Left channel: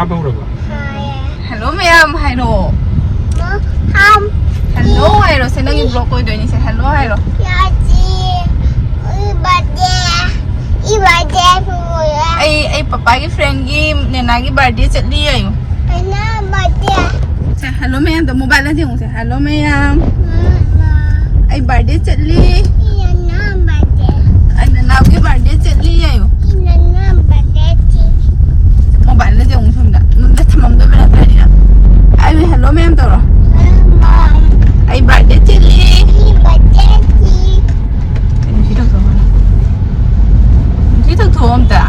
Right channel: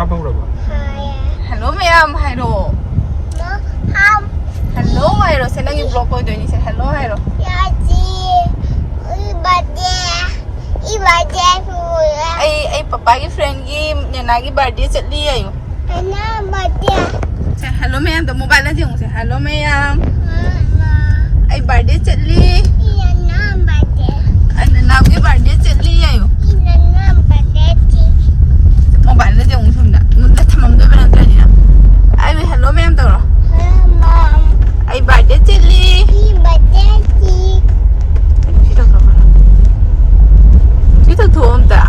Hello ma'am, hello. Hello, hello. Saya nak blog kau ini. Saya hello, hello. Ay papa की friend की नैना की birthday चली आई हूँ. Hello ma'am, तो mobile ना दियो. Hello ma'am. Ay birthday चली. नैना की birthday चली आई हूँ. Mobile ना दियो मुझे ना. मुझे थमम दो बेटा तेरी ना. Ay hello ma'am तो रो. Ay birthday चली. मुझे तो कहो. मुझे तो थोम ता.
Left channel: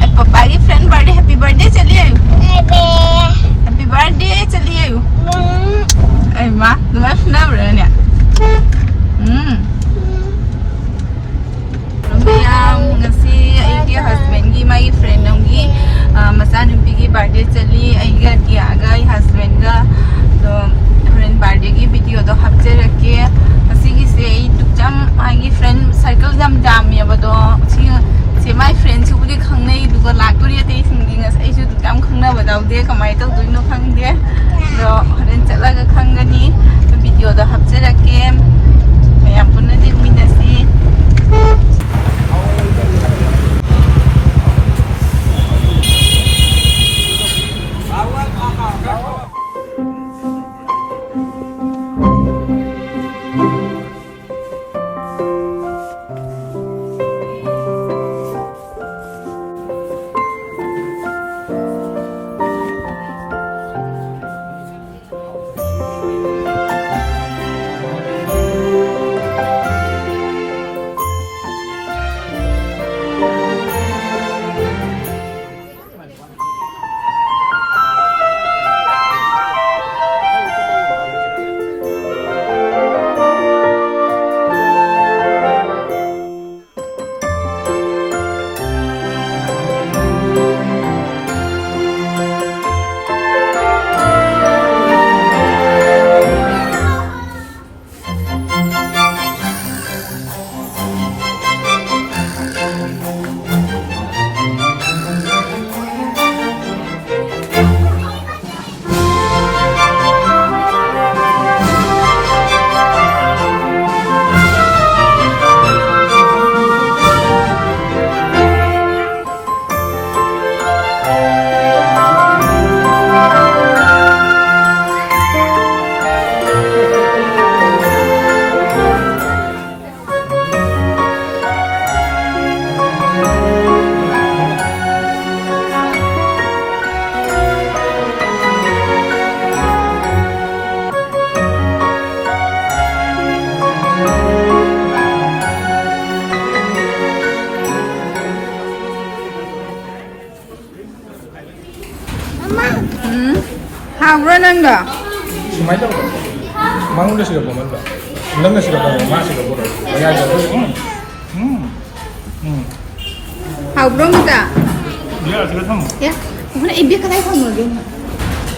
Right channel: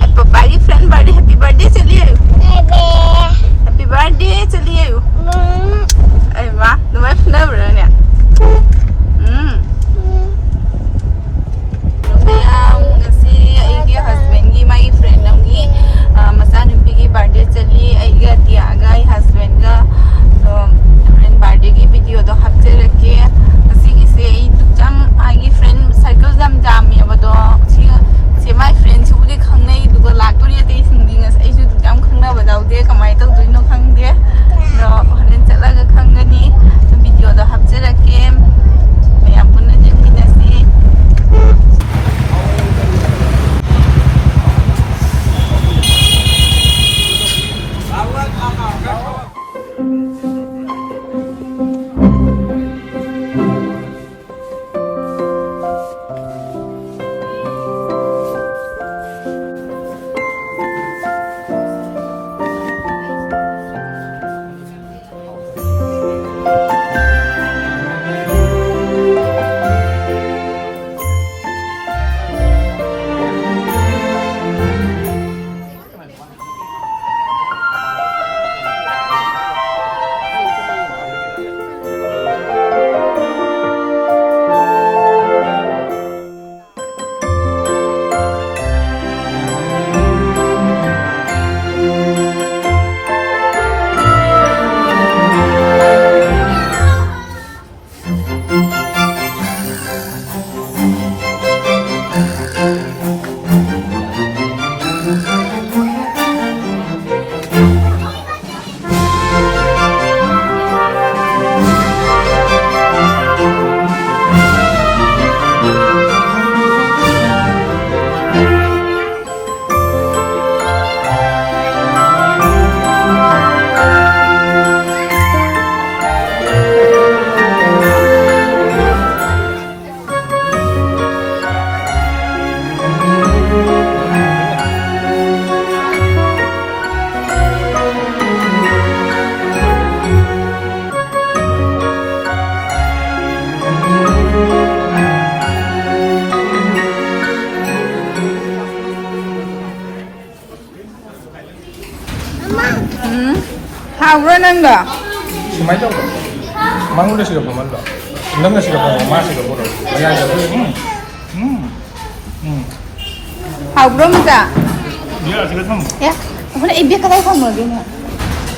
Ay papa की friend birthday happy birthday चली आई हूँ. Happy birthday चली आई हूँ. Ay ma, तुम्हारे friend berani ya? Ma'am, ngasi ay dia husband की my friend होंगी. मसान उनकी की birthday चली आई का दिया आगा आई husband का तो friend birthday की video तो हफ्ते रखे ngasi की से आई तुझाम आई friend circle जम जाम या बतो से my friend सुबह खंगने दुका लागतो ये ते खंगने ngasi आई जो तुझाम खंगना बताओ दे कमाई तो दुइनो खंगे तो हरें चला का खंगनी तो video तो हफ्ते रखे मैं पुनः देखमी नसी 하우라 난가 망고를 시가 보면 더 이런 거 시가 보면 맛이가 보러 하우라 뭐다 미야 제가 참 야 오늘 입에 가다이 파먹게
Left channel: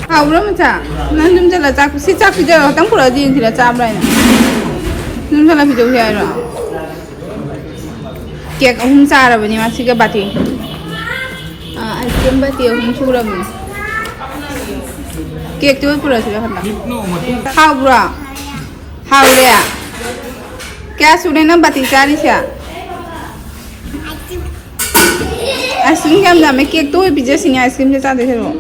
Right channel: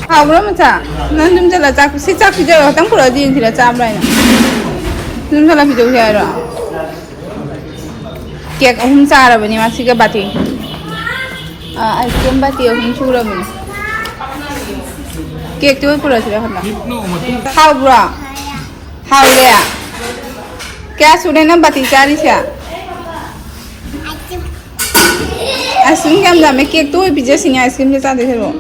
하우라 뭐다 난 좀 잘라 자꾸 시작 비저 땅 부러진 뒤에 잡라이나 좀 잘라 비저 해라 केक अहम चारबनी मासिगा बाटी आइसक्रीम बाटी अहम सुरबनी केक तो पूरा सिरा खन्ना हाउ ब्रा हाउ रे क्या सुने ना बाटी चारी से आइसक्रीम क्या मतलब मैं केक तो पिज़्ज़ा सिंह आइसक्रीम के साथ देखे वो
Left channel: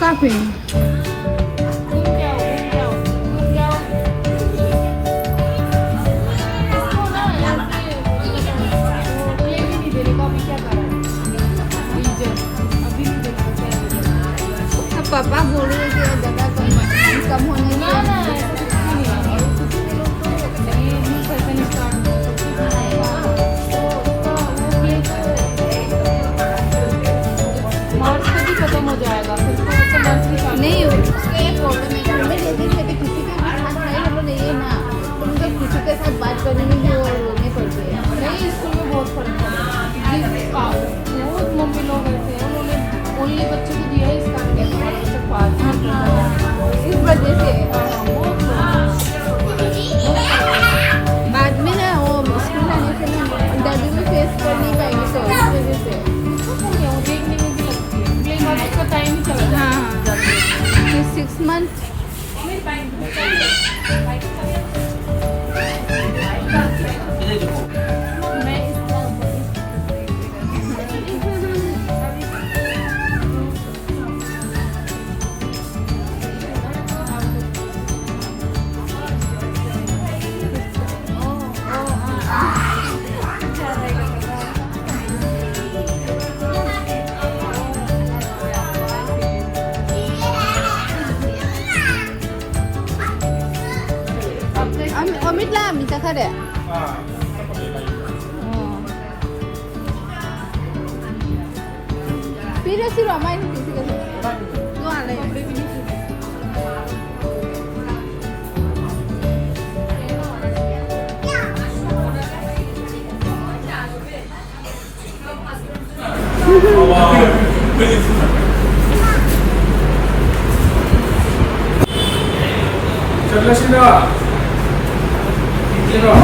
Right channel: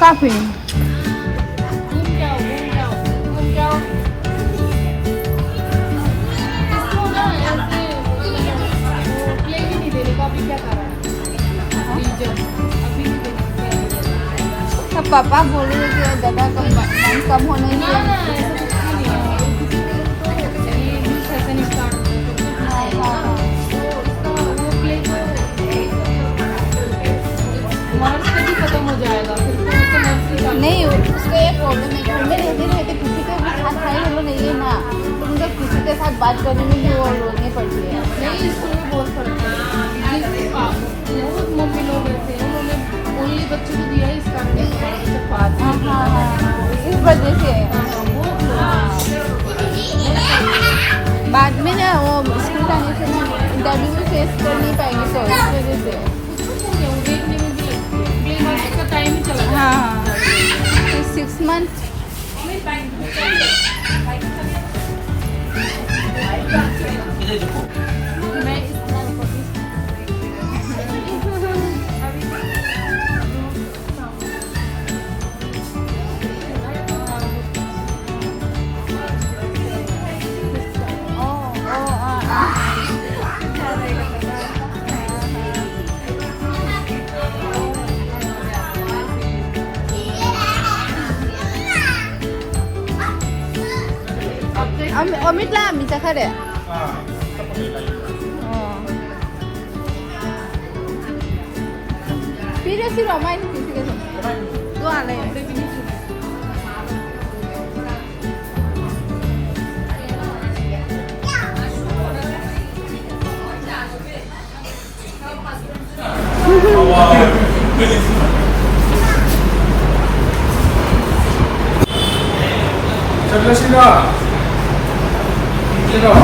काफी पापा बोले नहीं उसके फोटो में घर में रहते रहते किसी के भी साथ भाई हम लोग नहीं है ना तो किसी के साथ बात करने में वो रोने पड़ती है इसलिए बहुत करते हैं 6 months. Omit lah, minta kada. Pira sih ramai ni kita. Tu ada ya. Cepat sila. Sila.